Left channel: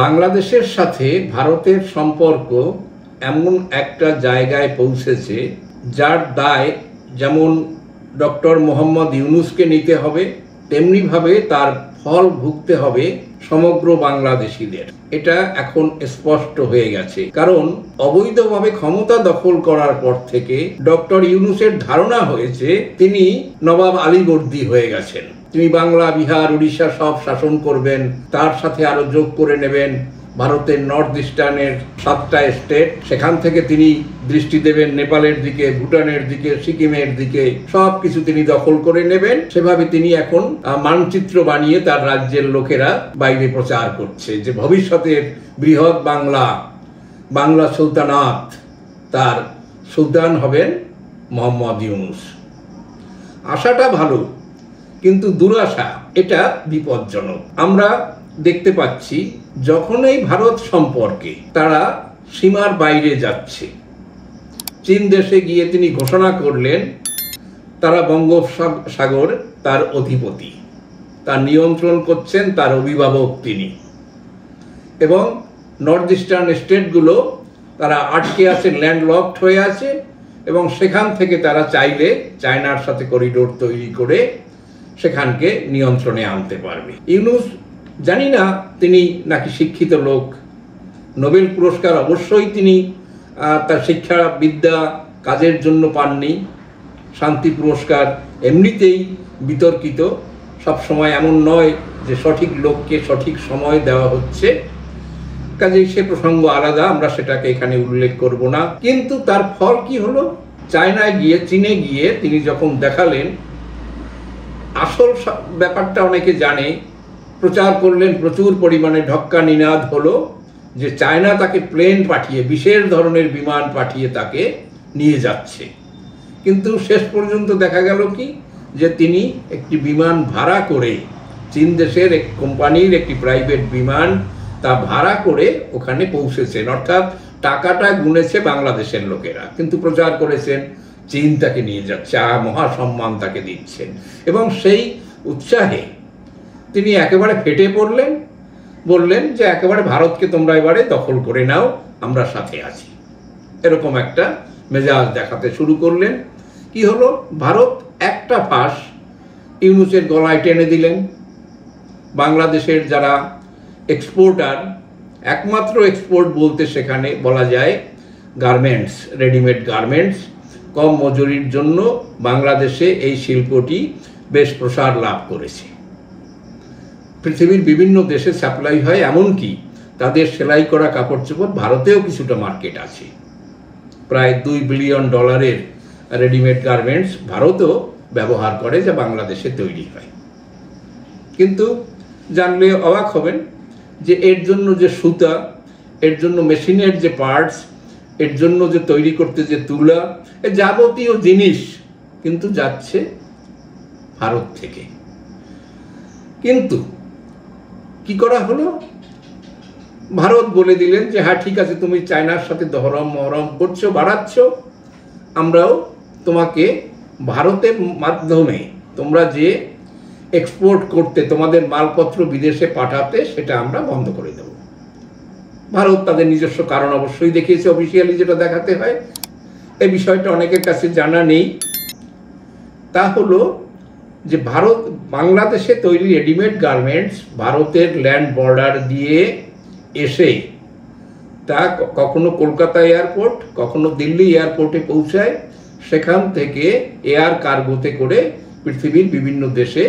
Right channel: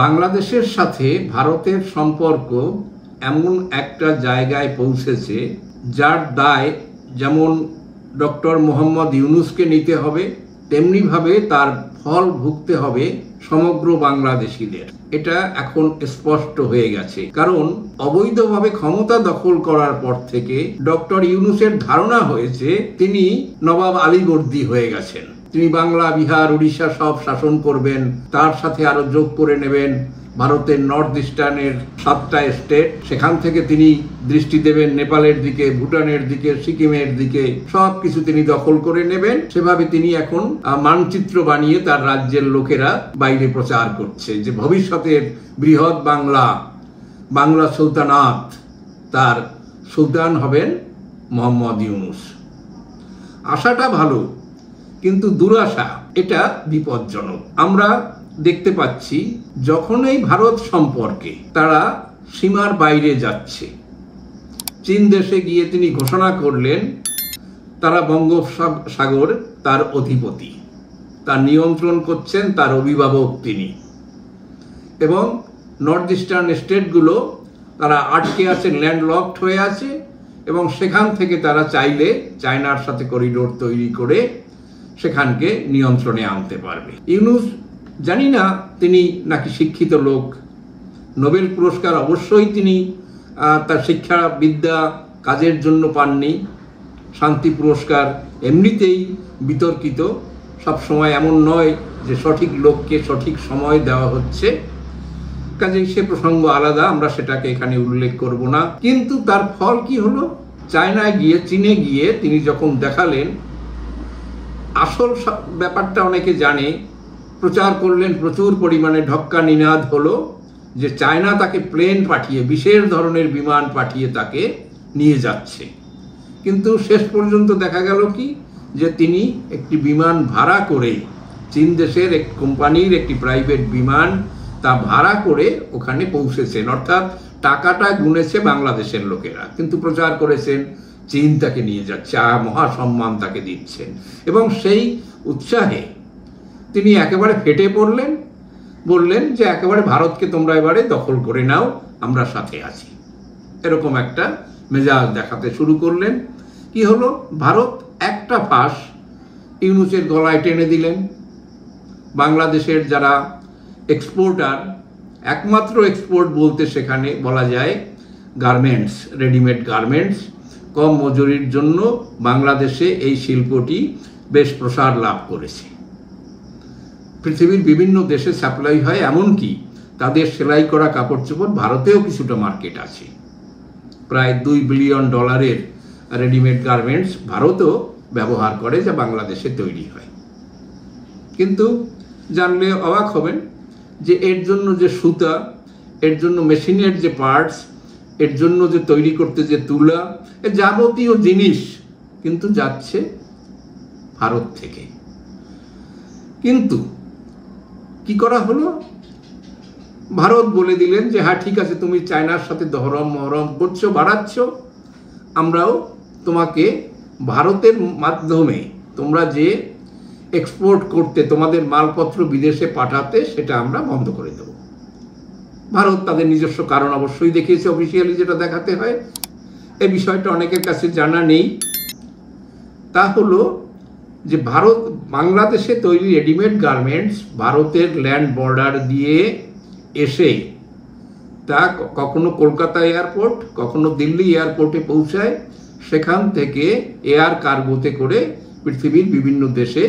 বাংলাদেশের সাথে ভারতের সম্পর্ক এমন একটা জায়গায় পৌঁছেছে যার দায় যেমন ডক্টর মোহাম্মদ ইউনূসকে নিতে হবে, তেমনিভাবে তার ফল ভুগতে হবে সমগ্র বাংলাদেশিদের। এটা এখন স্পষ্ট হয়ে গেছে, কারণ অবৈধভাবে ক্ষমতা দখল করার পর থেকে ডক্টর ইউনূসের ধারণা হয়েছে তিনি নবাব আলীবর্দী হয়ে গেছেন। তিনি বাংলা, বিহার, উড়িষ্যা সব শাসন করবেন, তার সাথে আরো যোগ করে নেবেন ভারতের নর্থ ইস্টার্নের 7টা স্টেট। সেখান থেকে তিনি দৃষ্টি দেবেন নেপালের দিকে, ভুটানের দিকে, সিকিমের দিকে, সবকিছু তিনি দখল করে নেবেন। সেভাবে তিনি এখন মানচিত্র বানিয়ে তার রাজ্যের লোকেরা বাইরে প্রচার করছে যে ভবিষ্যতের বৃহৎ বাংলা সুলতানাত, তার সুলতান হবেন মোহাম্মদ ইউনূস। আশাটা ভালো, কিন্তু দুরাশা এটা বিপজ্জনক। আমরা দেখতে পাচ্ছি যখনই ভারত সম্পর্কে তারা সীমার বাইরে যাচ্ছে, চীন দেশে গিয়ে তিনি ঘোষণা করলেন তারা বঙ্গোপসাগর তার অধিপতি, তার নিয়ন্ত্রণ করছেন তার অভিভাবক তিনি, এবং নর্থ ইস্টার্ন স্টেটগুলো তারা আটকে আছে, ল্যান্ডলকড হয়ে আছে, এবং সেখান থেকে তারা চাইলে চায়নার সাথে করিডোর তৈরি করে সেখানকে নিয়ন্ত্রণে আনতে পারবে। ইউনূস জানি না তিনি নাকি শিক্ষিত লোক, নোবেল পুরস্কার অবশ্যই তিনি তার শিক্ষা বিদ্যা কাজের জন্য পাননি, শান্তি পুরস্কার এমনিতেই বিতর্কিত, সবসময় এমন নয় যে সঠিক লোককে সঠিক সময় দেওয়া হচ্ছে, কাজেই সে প্রসঙ্গ আলাদা, আমরা সেটাকে এখানে উল্লেখ করব না। কিন্তু তার ফল কি হলো? চায়নায় গিয়ে, চীনে গিয়ে তিনি যখন দেখালেন, আসল ব্যাপারটা অনেকে জানে, প্রচার করলেন, প্রচুর পরিমাণে ঢক্কা নিনাদ হলো যে চায়না তাকে প্লেন পাঠিয়ে, বিশেষ ধরনের বিমান পাঠিয়ে তাকে নিয়ে যাচ্ছে। কিন্তু শেষ পর্যন্ত দেখা গেল কি, যে তিনি একটি বিমান ভাড়া করে, চীন দেশের এক কোম্পানির একটি প্রাইভেট বিমান, তা ভাড়া করে ওখানে পৌঁছেছেন। অর্থাৎ টাকাটা গুনেছে বাংলাদেশের লোকেরা, কিন্তু প্রচার করেছেন চীন তাকে নিয়ে যাচ্ছে, মহাসম্মান তাকে দিচ্ছেন, এবং সেই উৎসাহে তিনি একেবারে ফেটে পড়লেন, বললেন যে একেবারে ভারতকে তোমরা এবারে দখল করে নাও, আমরা সাথে আছি। এরকম একটা মেজাজ দেখাতে শুরু করলেন। কি হলো? ভারত একটা ফাঁস ইউনূসের গলায় টেনে দিলেন। বাংলাদেশের যারা এক্সপোর্টার, একমাত্র এক্সপোর্ট বলতে সেখানে বলা যায় গার্মেন্টস, রেডিমেড গার্মেন্টস। কম মজুরির জন্য বাংলাদেশে এই শিল্পটি বেশ প্রসার লাভ করেছে। পৃথিবীর বিভিন্ন দেশে সাপ্লাই হয়, এমনকি তাদের সেলাই করা কাপড় চোপড় ভারতেও কিছুটা মার্কেট আছে। প্রায় $2 বিলিয়ন রেডিমেড গার্মেন্টস ভারতও ব্যবহার করে, যা বাংলাদেশে তৈরি হয়। কিন্তু জানলে অবাক হবেন যে এর জন্য যে সুতা, এর জন্য মেশিনের যে পার্টস, এর জন্য যে তৈরি করতে যে তুলা, এর যাবতীয় জিনিস কিন্তু যাচ্ছে ভারত থেকে। কিন্তু কি করা হলো? ভারত বলে দিলেন যে হ্যাঁ ঠিক আছে, তুমি চায়নার সাথে দহরম মহরম করছো, বাড়াচ্ছ, আমরাও তোমাকে ভারতের মাধ্যমে তোমরা যে এক্সপোর্ট করতে, তোমাদের মালপত্র বিদেশে পাঠাতে, সেটা আমরা বন্ধ করে দেব। ভারত তাদের নিজস্ব কারণ অবশ্যই দেখিয়েছে, অফিসিয়ালি যেটা দেখাতে হয়। এই বিষয়টা অনেকের কাছে জানা নেই। তা হলো যে ভারত বাংলাদেশে তৈরি রেডিমেড গার্মেন্টস ভারতের ল্যান্ড বর্ডার দিয়ে এসে তা কখনো কলকাতা এয়ারপোর্ট, কখনো দিল্লি এয়ারপোর্টে পৌঁছায়, সেখান থেকে এয়ার কার্গোতে করে পৃথিবীর বিভিন্ন দেশে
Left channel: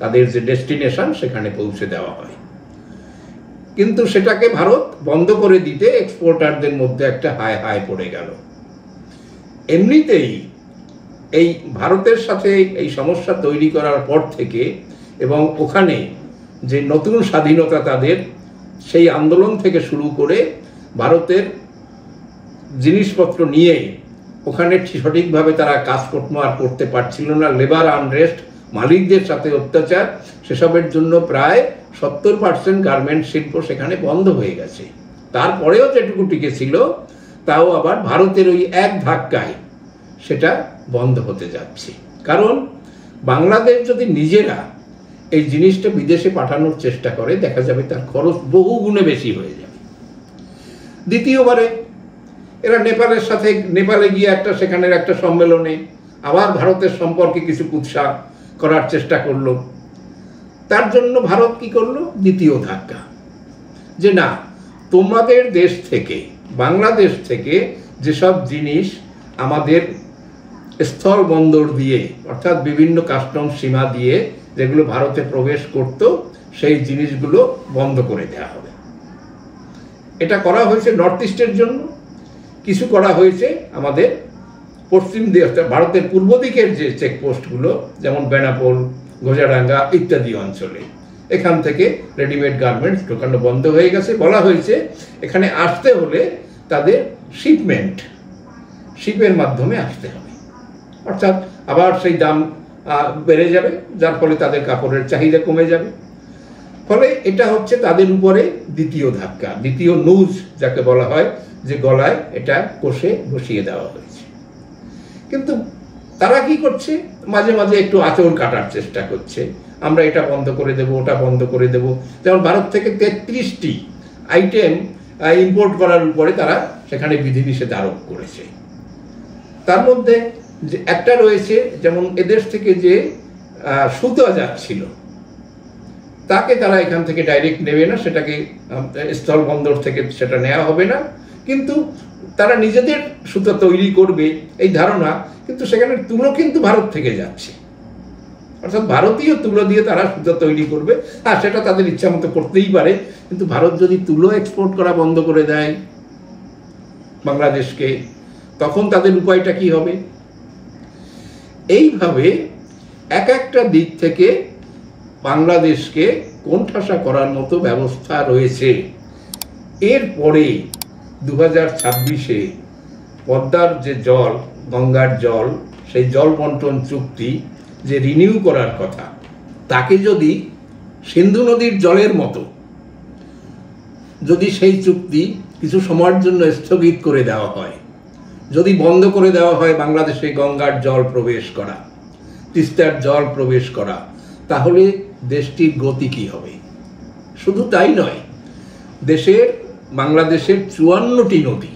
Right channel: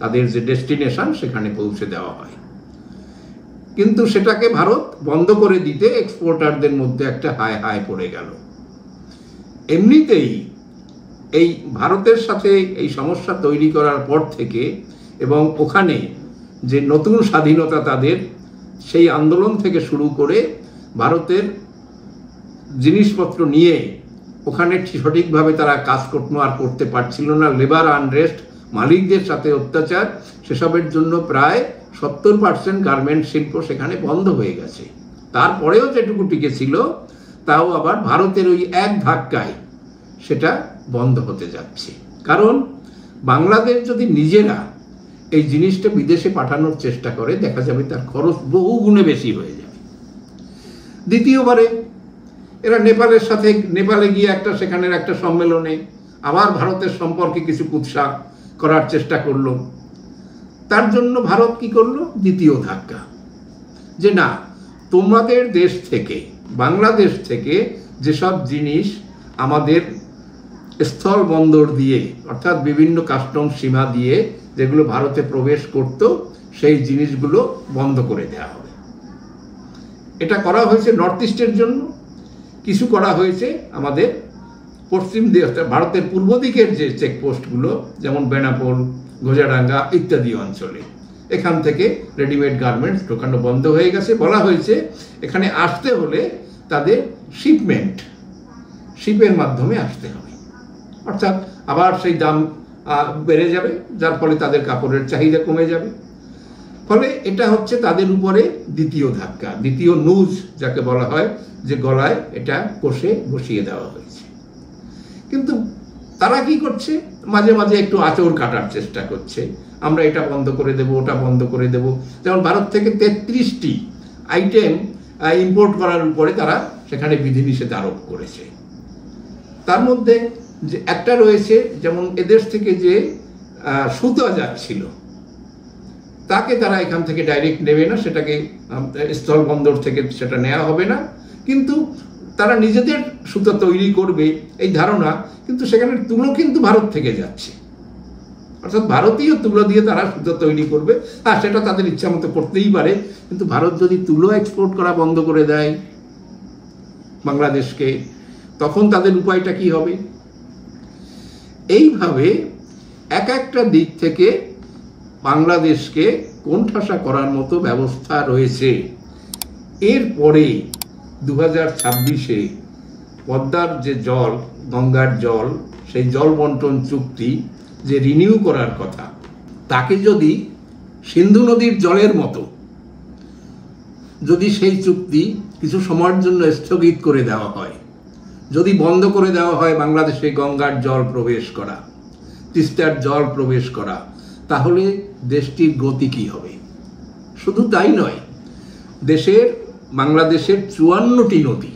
তাদের যে ডেস্টিনেশন সেখানে পৌঁছে দেওয়া হয়। কিন্তু সেটাকে ভারত বন্ধ করে দিতে এক্সপোর্টারদের মধ্যে একটা হায় হায় পড়ে গেল। এমনিতেই এই ভারতের সাথে এই সমস্যা তৈরি করার পর থেকে, এবং ওখানে যে নতুন স্বাধীনতা তাদের, সেই আন্দোলন থেকে শুরু করে ভারতের জিনিসপত্র নিয়ে ওখানে সঠিকভাবে তারা কাজকর্ম আর করতে পারছিল না, লেবার আনরেস্ট, মালিকদের সাথে অত্যাচার, সেসবের জন্য প্রায় 70% গার্মেন্ট শিল্প সেখানে বন্ধ হয়ে গেছে। তারপরেও যেটুকু টিকে ছিল তাও আবার ভারতের ওই এক ধাক্কায় সেটা বন্ধ হতে যাচ্ছে। কারণ বাংলাদেশ যদি নিজেরা এই জিনিসটা বিদেশে পাঠানোর চেষ্টা করে, দেখা যাবে তার খরচ বহু গুণে বেশি হয়ে যাবে। দ্বিতীয়বারে এরা নেপালে গিয়ে সেখানের একটা সম্মেলনে আবার ভারতের সম্পর্কে কিছু কুৎসা করার চেষ্টা করলো। তার জন্য ভারত কি করলো? দ্বিতীয় ধাক্কা, যে না, তোমাদের দেশ থেকে, বাংলাদেশ থেকে যেসব জিনিস আমাদের স্থল বন্দর দিয়ে, অর্থাৎ বিভিন্ন কাস্টম সীমা দিয়ে যেগুলো ভারতে প্রবেশ করত, সেই জিনিসগুলো বন্ধ করে দেওয়া হবে। এটা করা হয়েছে নর্থ ইস্টের জন্য, কিছু করা হয়েছে আমাদের পশ্চিম দিকে, ভারতের পূর্ব দিকের যে চেকপোস্টগুলো, যেমন বেনাপোল, গোজাডাঙ্গা ইত্যাদি অঞ্চলে, এখান থেকে রেডিমেড গার্মেন্টস ঢোকানো বন্ধ হয়ে গেছে। বলা হয়েছে এখানে আসতে হলে তাদের শিপের মাধ্যমে আসতে হবে, অর্থাৎ আবার সেই দাম বেড়ে যাবে, যার ফলে তাদের কাপড়ের চাহিদা কমে যাবে। ফলে এটা হচ্ছে তাদের উপরে দ্বিতীয় ধাক্কা, দ্বিতীয় নুজ যাকে বলা হয়, যে গলায় এটা কষে বসিয়ে দেওয়া হয়েছে। কিন্তু তারা কি করছে? মাঝে মাঝে একটু আঁচড় কাটার চেষ্টা করছে, আমরা এটা বন্ধ করে দেব, ওটা বন্ধ করে দেব। যেমন ভারত থেকে 33টি আইটেম ইম্পোর্ট করার উপরে তারা সেখানে বিধিনিষেধ আরোপ করেছে। তার মধ্যে যে একটা রয়েছে, যেমন এদেশ থেকে যে সুতা যাচ্ছিল তাকে তারা এখান থেকে ডাইরেক্ট নেবে না, সেটাকে স্থল বন্দর থেকে সেটা নেওয়া হবে না, কিন্তু তারা নিজেদের সুতো তৈরি করবে এই ধারণা, কিন্তু সেখানে তুলো কিন্তু ভারত থেকে যাচ্ছে, অর্থাৎ ভারতীয় তুলো দিয়ে তারা সুতো তৈরি করবে। আর সেটা তাদের ইচ্ছা মতো করতেই পারে, কিন্তু ভারত যদি তুলো এক্সপোর্ট করা বন্ধ করে দেয় বাংলাদেশকে, তখন তাদের উপায়টা কি হবে? এইভাবে একটা দিক থেকে বাংলাদেশকে কোণঠাসা করার মতো ব্যবস্থা রয়েছে। এরপরে 2026-এ পদ্মার যে জল, গঙ্গার জল, সেই জল বন্টন চুক্তি যে রিনিউ করার কথা, তাকে যদি সিন্ধু নদীর জলের মতো যদি সেই চুক্তি কিছু সময়ের জন্য স্থগিত করে দেওয়া হয়, যদি বন্ধ করে দেওয়া হয় বাংলাদেশে গঙ্গার জল প্রবেশ করা, তিস্তার জল প্রবেশ করা, তাহলে দেশটির গতি কি হবে? শুধু তাই নয়, বাংলাদেশের 54টি নদী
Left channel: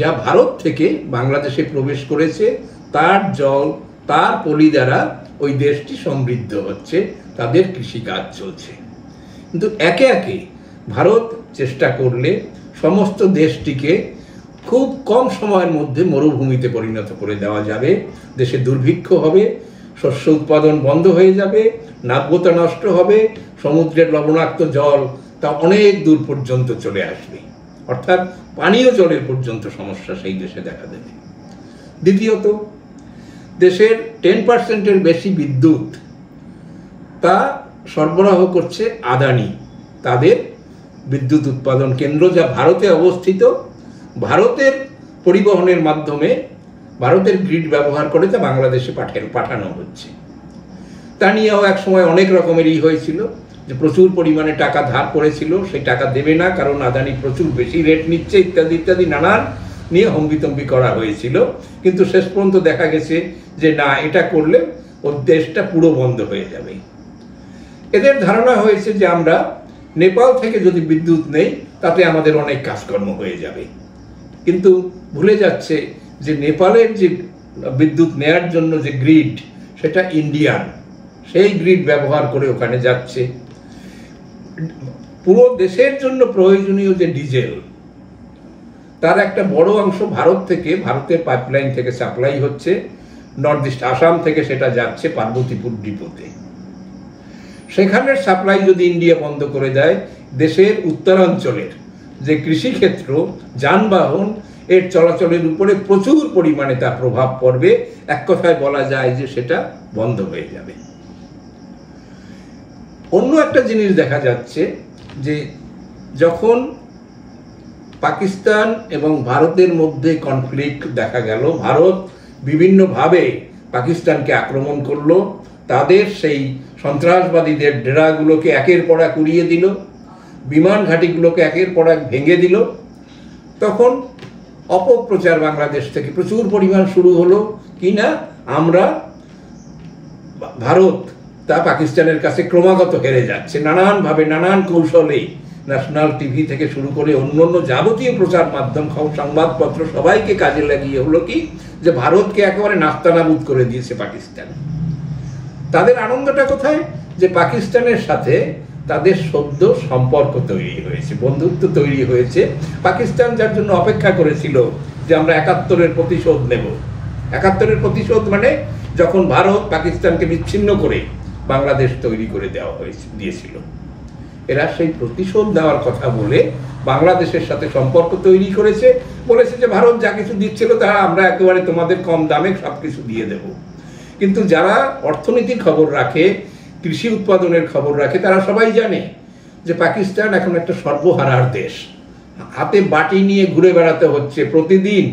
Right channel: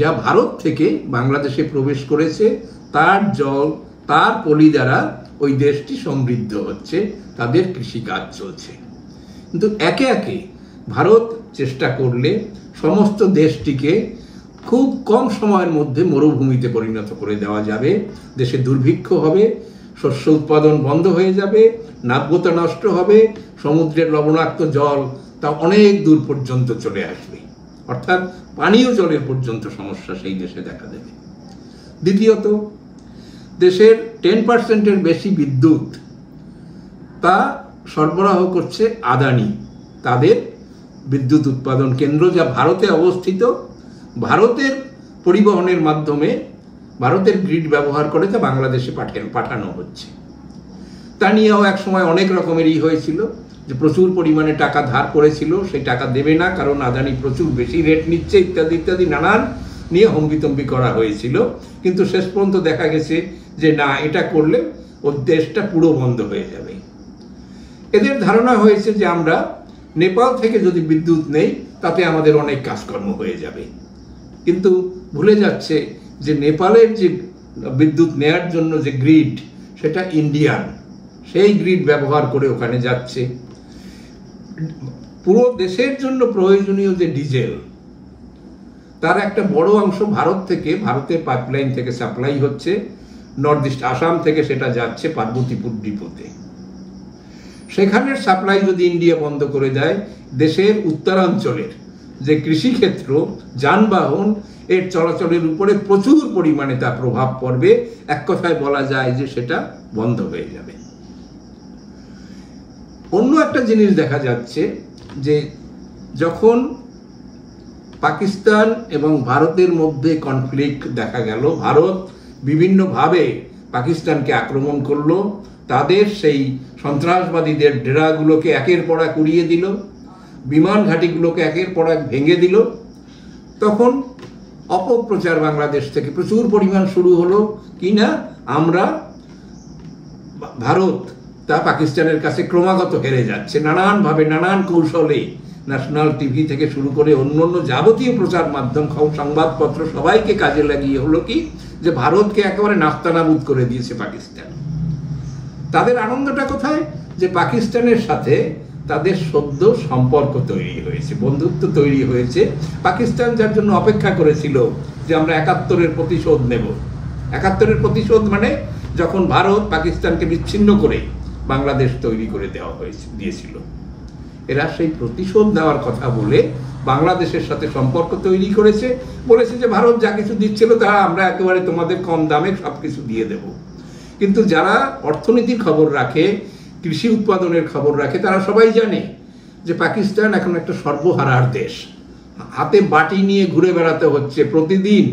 যা ভারত থেকে বাংলাদেশে প্রবেশ করেছে, তার জল, তার পলি দ্বারা ওই দেশটি সমৃদ্ধ হচ্ছে, তাদের কৃষিকাজ চলছে। কিন্তু একে একে ভারত চেষ্টা করলে সমস্ত দেশটিকে খুব কম সময়ের মধ্যে মরুভূমিতে পরিণত করে দেওয়া যাবে। দেশে দুর্ভিক্ষ হবে, শস্য উৎপাদন বন্ধ হয়ে যাবে, নাব্যতা নষ্ট হবে, সমুদ্রের লবণাক্ত জল তা অনেক দূর পর্যন্ত চলে আসবে, অর্থাৎ পানীয় জলের পর্যন্ত সমস্যা সেই দেশে দেখা দেবে। দ্বিতীয়ত, দেশের 10%-এর বেশি বিদ্যুৎ তা সরবরাহ করছে আদানি, তাদের বিদ্যুৎ উৎপাদন কেন্দ্র যা ভারতে অবস্থিত। ভারতের পরিবহনের মাধ্যমে ভারতের গ্রিড ব্যবহার করে তা বাংলাদেশে পাঠানো হচ্ছে। তা নিয়েও এক সময় অনেক রকমেরই হয়েছিল, যে প্রচুর পরিমাণে টাকা ধার করেছিল, সেই টাকা দেবে না কারণ আদানি প্রচুর বেশি রেট নিচ্ছে, ইত্যাদি ইত্যাদি নানান নিয়ে হম্বিতম্বি করা হয়েছিল। কিন্তু শেষ পর্যন্ত দেখা গেছে যে না, এটা করলে ওর দেশটা পুরো বন্ধ হয়ে যাবে। এদের ধারণা হয়েছে যে আমরা নেপাল থেকে যদি বিদ্যুৎ নেই তাতে আমাদের অনেক কাজকর্ম হয়ে যাবে, কিন্তু ভুলে যাচ্ছে যে নেপালের যে বিদ্যুৎ নেয়ার জন্য যে গ্রিড, সেটা ইন্ডিয়ান, সেই গ্রিড ব্যবহার করে ওখানে যাচ্ছে। পুরো দেশের জন্য প্রয়োজনীয় যে ডিজেল, তার একটা বড় অংশ ভারত থেকে, ভারতের পাইপলাইন থেকে সাপ্লাই হচ্ছে, নর্থ ইস্ট আসাম থেকে সেটা যাচ্ছে পার্বতীপুর ডিপোতে। সেখানের সাপ্লাই যদি ইন্ডিয়া বন্ধ করে দেয়, দেশের উত্তরাঞ্চলের যে কৃষিক্ষেত্র, যানবাহন, এর চলাচলের উপরে প্রচুর পরিমাণে তার প্রভাব পড়বে। এক কথায় বলা যায় যে সেটা বন্ধ হয়ে যাবে। অন্য একটা জিনিস দেখা যাচ্ছে যে যখন পাকিস্তান এবং ভারতের মধ্যে কনফ্লিক্ট দেখা গেল, ভারত বিভিন্নভাবে পাকিস্তানকে আক্রমণ করলো, তাদের সেই সন্ত্রাসবাদীদের ডেরাগুলোকে একের পর এক উড়িয়ে দিল, বিমান ঘাঁটিগুলোকে একের পর এক ভেঙে দিল, তখন অপপ্রচার বাংলাদেশ থেকে প্রচুর পরিমাণ শুরু হলো, কিনা আমরা ভারত তা পাকিস্তানের কাছে ক্রমাগত হেরে যাচ্ছে নানানভাবে, নানান কৌশলে। ন্যাশনাল টিভি থেকে শুরু করে অন্য যাবতীয় প্রচার মাধ্যম, সংবাদপত্র সবাইকে কাজে লাগিয়ে হলো কি যে ভারতকে একেবারে নাস্তানাবুদ করে দিয়েছে পাকিস্তান। তাদের আনন্দটা কোথায়? যে পাকিস্তানের সাথে তাদের সদ্য সম্পর্ক তৈরি হয়েছে, বন্ধুত্ব তৈরি হয়েছে। পাকিস্তান যার জন্য অপেক্ষা করেছিল যে আমরা 71-এর প্রতিশোধ নেব। 71-এর প্রতিশোধ মানে যখন ভারত পাকিস্তানকে বিচ্ছিন্ন করে বাংলাদেশ তৈরি করে দিয়েছিল, এরা সেই প্রতিশোধ নেওয়ার কথা বলে বাংলাদেশের সাথে সম্পর্ক তৈরি করেছে। বলেছে যে ভারত যা কিছু দিচ্ছিল তা আমরা একেবারে তোমাদের কম দামে সব কিছু দিয়ে দেব। কিন্তু যারা অর্থনীতির খবর রাখে, কৃষি উৎপাদনের খবর রাখে, তারা সবাই জানে যে পাকিস্তান এখন একটা সর্বহারার দেশ। হাতে বাটি নিয়ে ঘুরে বেড়াতে হচ্ছে প্রতিদিন।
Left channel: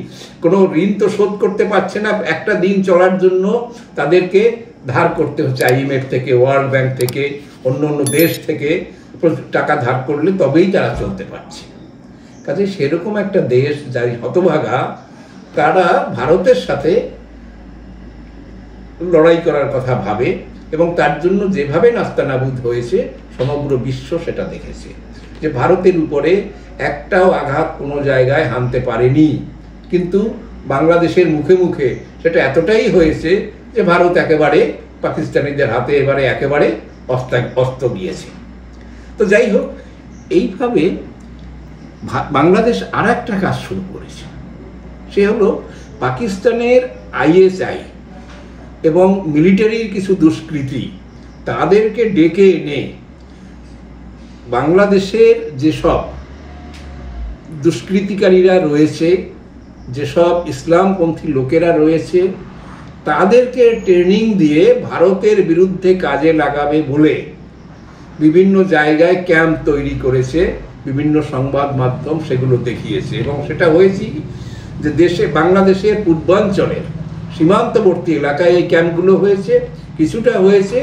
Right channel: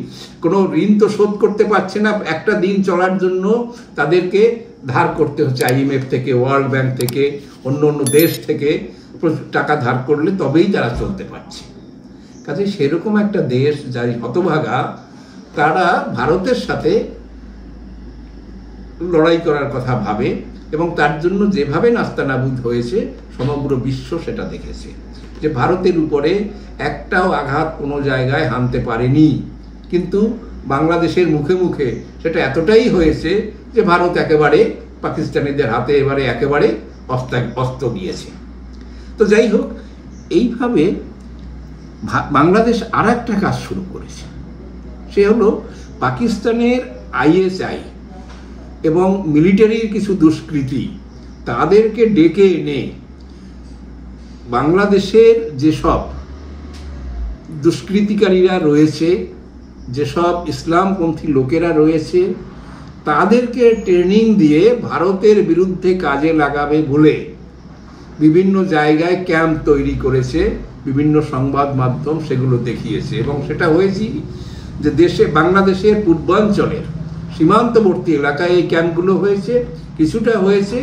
কোনো ঋণ তো শোধ করতে পারছে না, একটা দিন চলার জন্য তাদেরকে ধার করতে হচ্ছে IMF থেকে, ওয়ার্ল্ড ব্যাংক থেকে, অন্য দেশ থেকে টাকা ধার করলে তবেই তারা চলতে পারছে। কাজে সেরকম একটা দেশ যাই হতভাগা, তারা ভারতের সাথে লড়াই করার কথা ভাবে এবং তার জন্য যেভাবে নাস্তানাবুদ হয়েছে সমগ্র বিশ্ব সেটা দেখেছে যে ভারতের উপরে একটাও আঘাত কোনো জায়গায় হানতে পারেনি। কিন্তু বাংলাদেশের মুখে মুখে সেটা এতটাই হয়েছে যে ভারত একেবারে পাকিস্তানিদের হাতে এবারে একেবারে অস্ত গিয়েছে। তো যাই হোক, এইভাবে বাংলাদেশ আর একটা কাজ শুরু করেছে, সে হলো পাকিস্তানের ISI এবং মিলিটারির কিছু দুষ্কৃতী তাদেরকে ডেকে এনে বাংলাদেশের যেসব দুষ্কৃতিকারীরা রয়েছে, যেসব ইসলামপন্থী লোকেরা রয়েছে, তাদেরকে ট্রেনিং দিয়ে ভারতের বিরুদ্ধে কাজে লাগাবে বলে বিভিন্ন জায়গায় ক্যাম্প তৈরি করেছে, বিভিন্ন সংবাদ মাধ্যম সেগুলো দেখিয়েছে। এবং সেটা হয়েছে যে বাংলাদেশের পূর্বাঞ্চলের সীমান্তবর্তী এলাকায় এই ক্যাম্পগুলো হয়েছে। কিছুটা হয়েছে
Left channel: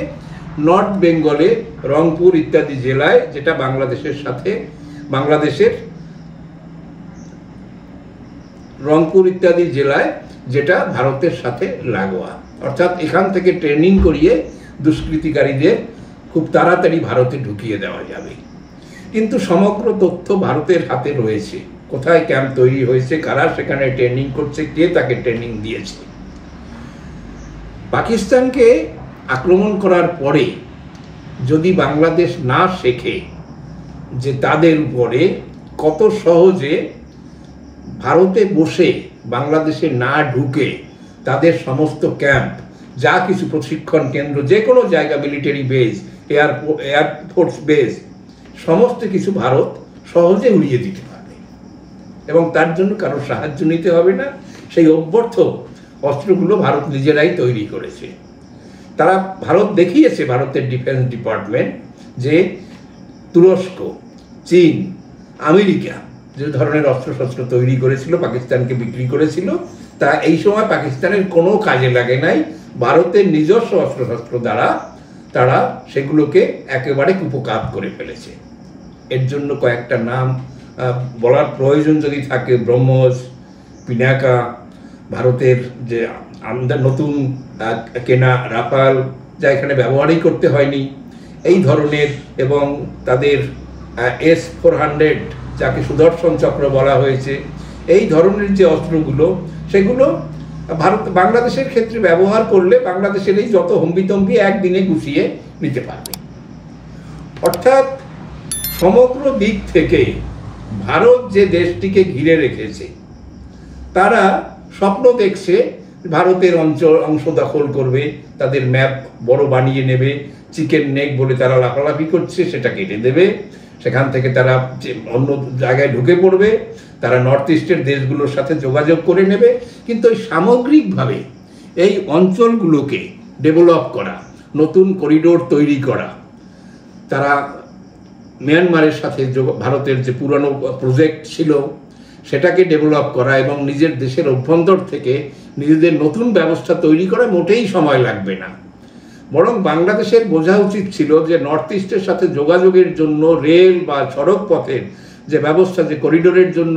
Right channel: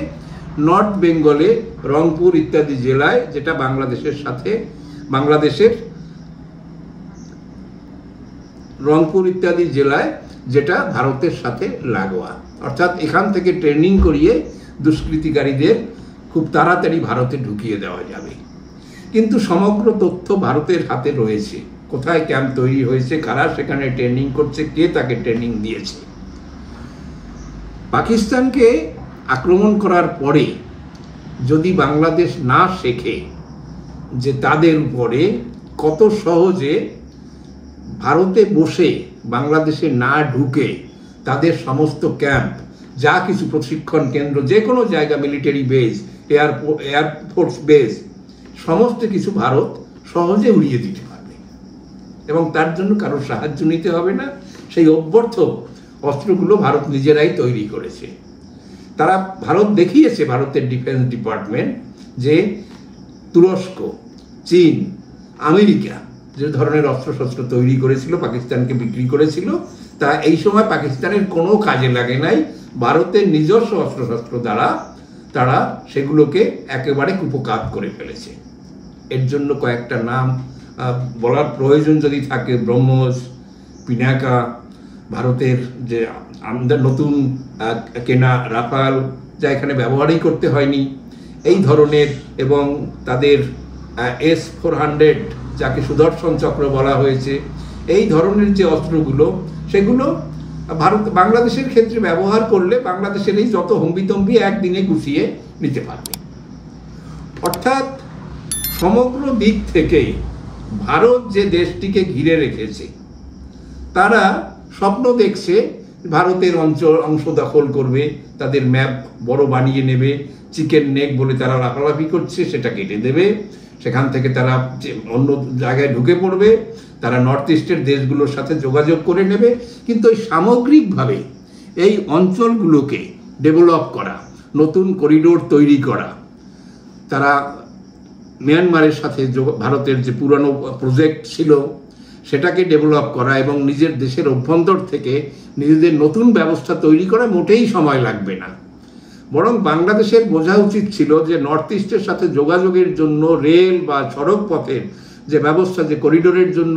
নর্থ বেঙ্গলে, রংপুর ইত্যাদি জেলায়, যেটা রংপুর ইত্যাদি জেলায় যেটা ভারতের সাথে লাগোয়া। অর্থাৎ এখান থেকে ট্রেনিং করিয়ে দুষ্কৃতিকারীদের খুব তাড়াতাড়ি ভারতে ঢুকিয়ে দেওয়া যাবে। কিন্তু সমগ্র তথ্য ভারতের হাতে রয়েছে, কোথায় ক্যাম্প তৈরি হয়েছে, কারা সেখানে ট্রেনিং করছে, কে তাকে ট্রেনিং দিয়েছে। পাকিস্তানকে আক্রমণ করার পরে যদি বাংলাদেশ না শেখে যে তাদের উপরে কত সহজে ভারতে বসে বাংলাদেশে না ঢুকে তাদের সমস্ত ক্যাম্প, যা কিছু প্রশিক্ষণ কেন্দ্র, যে কোনো জায়গা, মিলিটারি বেজ, এয়ারফোর্স বেজ, সমস্ত কিছু ভারত সহজে উড়িয়ে দিতে পারবে এবং তার জন্য কারোর সাহায্য নিতে হবে না। সেই অভ্যর্থ অস্ত্রগুলো ভারত নিজেরাই তৈরি করেছে। ভারত দেখিয়েছে, ভারতের ডিফেন্স ডিপার্টমেন্ট, যে তুরস্ক, চীন, আমেরিকা যে ধরনের অস্ত্রশস্ত্র তৈরি করেছিল, পাকিস্তানকে বিক্রি করেছিল, তা এই সময় পাকিস্তানের কোনো কাজে লাগে নাই। ভারতের নিজস্ব অস্ত্রশস্ত্র দ্বারা তারা সেগুলোকে একেবারে কুপকাত করে ফেলেছে। এর জন্য কয়েকটা নাম বলার প্রয়োজন যদি থাকে, ব্রহ্মস, পিনাকা, ভারতের যে আমাদের নতুন কেনা রাফাল, যা এখানে ব্যবহারই করতে হয়নি, এই ধরনের, এবং তাদের S-400 যাকে সুদর্শন চক্র বলা হয়েছে, এই ধরনের যে অস্ত্রগুলো, সেগুলো বাংলাদেশের ক্ষেত্রে ব্যবহার করলে বাংলাদেশের এই যত হম্বিতম্বি একদিনে গুছিয়ে নিতে পারবে। অর্থাৎ সমগ্র দিক থেকে ভারত যে দেশটিকে ঘিরে রেখেছে, তারা স্বপ্ন দেখছে ভারতের অংশ দখল করবে, তাদের ম্যাপ বড় বানিয়ে নেবে, চিকেন নেক বলে তারা লাফালাফি করছে, সেটা কেটে দেবে, সেখান থেকে তারা অন্য জায়গায় ঢুকে পড়বে, তারা নর্থ ইস্টের দেশগুলোর সাথে যোগাযোগ করে নেবে। কিন্তু ওই সামগ্রিকভাবে এই অঞ্চলগুলোকে ডেভেলপ করা, নতুন করিডোর তৈরি করা, তারা মিয়ানমারের সাথে ভারতের যে পুরনো প্রজেক্ট ছিল সেটাকে ডেভেলপ করা এবং নিজের দেশের অভ্যন্তর থেকে নিজেদের নতুন ব্যবস্থা তৈরি করা মোটেই সময় লাগবে না। বরং বাংলাদেশের বোঝা উচিত ছিল যে নর্থ ইস্টের সাথে যোগাযোগের জন্য রেল বা সড়ক পথের যে ব্যবস্থা, যে করিডোরের জন্য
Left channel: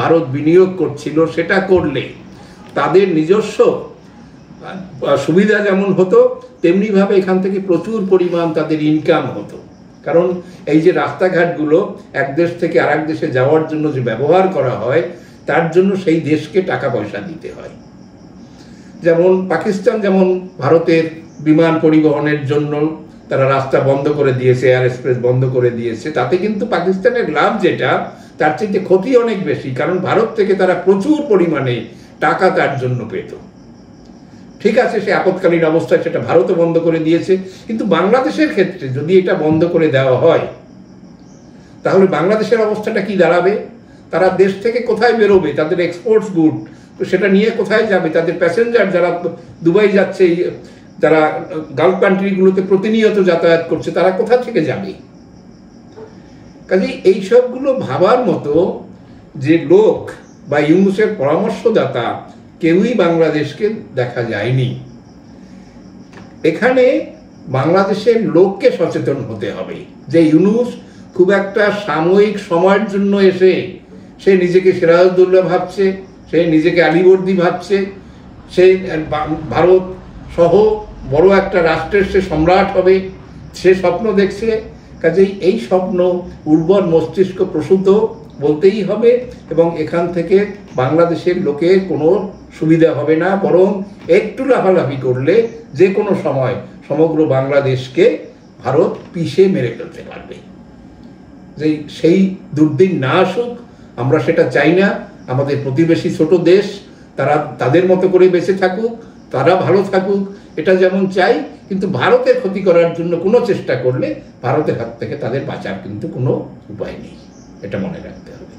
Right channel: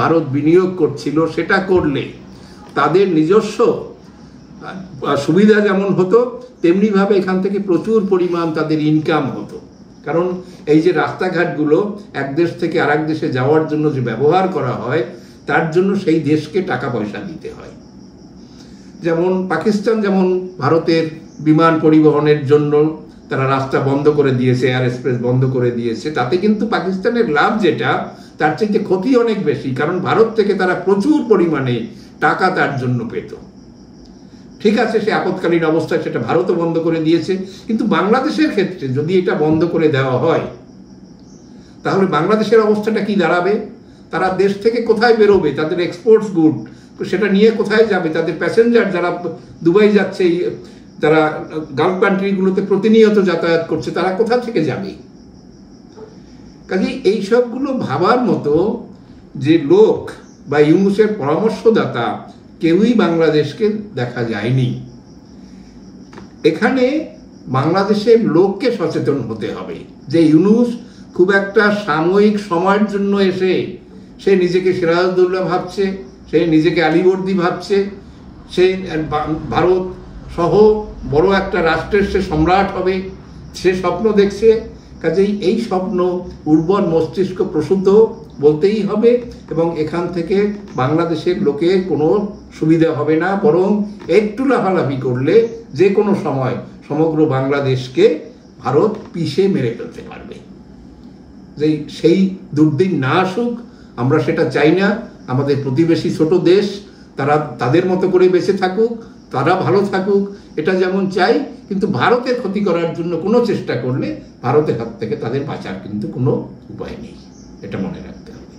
ভারত বিনিয়োগ করছিল, সেটা করলে তাদের নিজস্ব সুবিধা যেমন হতো, তেমনিভাবে এখান থেকে প্রচুর পরিমাণ তাদের ইনকাম হতো। কারণ এই যে রাস্তাঘাটগুলো এক দেশ থেকে আরেক দেশে যাওয়ার জন্য যে ব্যবহার করা হয়, তার জন্য সেই দেশকে টাকা পয়সা দিতে হয়। যেমন পাকিস্তান যেমন ভারতের বিমান পরিবহনের জন্য তারা রাস্তা বন্ধ করে দিয়েছে, এয়ার এক্সপ্রেস বন্ধ করে দিয়েছে, তাতে কিন্তু পাকিস্তানের লাভ যেটা, তার চেয়ে ক্ষতি অনেক বেশি। কারণ ভারত থেকে তারা প্রচুর পরিমাণে টাকা তার জন্য পেত। ঠিক আছে, সে আপৎকালীন অবস্থায় সেটা ভারতও বন্ধ করে দিয়েছে, কিন্তু বাংলাদেশের ক্ষেত্রে যদি এটা বন্ধ করে দেওয়া হয়, তাহলে বাংলাদেশের অবস্থাটা কি দাঁড়াবে? তারা দেশ থেকে কোথায় বেরোবে? তাদের এক্সপোর্টস গুড সেটা নিয়ে কোথায় যাবে? তাদের প্যাসেঞ্জার যারা দুবাই যাচ্ছে, যারা গালফ কান্ট্রিগুলোতে প্রতিনিয়ত যাতায়াত করছে, তারা কোথা থেকে যাবে? কাজেই এইসবগুলো ভাবার মতো যে লোক বা ইউনুসের পরামর্শদাতা কেউই বাংলাদেশকে দেখা যায়নি। এখানে বাংলাদেশের লোককে সচেতন হতে হবে যে ইউনুস খুব একটা সাময়িক সময়ের জন্য এসে সে নিজেকে সিরাজউদ্দৌলা ভাবছে, সে নিজেকে আলীবর্দী ভাবছে, সে ভারত সহ বড় একটা রাষ্ট্রের সে সম্রাট হবে, সে স্বপ্ন দেখছে। কাজেই এই স্বপ্ন উর্বর মস্তিষ্ক প্রসূত বলতেই হবে, এবং এখান থেকে বাংলাদেশের লোকের কোনো সুবিধা হবে না, বরং একটু লাফালাফি করলে যে কোনো সময় সমগ্র বাংলাদেশকে ভারত পিষে মেরে ফেলতে পারবে। সেই দুর্দিন না আসুক, আমরা সেটা চাই না। আমাদের প্রতিবেশী ছোট দেশ, তারা তাদের মতো করে বেঁচে থাকুক, তারা ভালো থাকুক, এটা যেমন চাই, কিন্তু ভারতের ক্ষতি করার জন্য কোনো চেষ্টা করলে ভারতের হাত থেকে তাদের বাঁচার কিন্তু কোনো উপায় নেই, এটা মনে রাখতে হবে।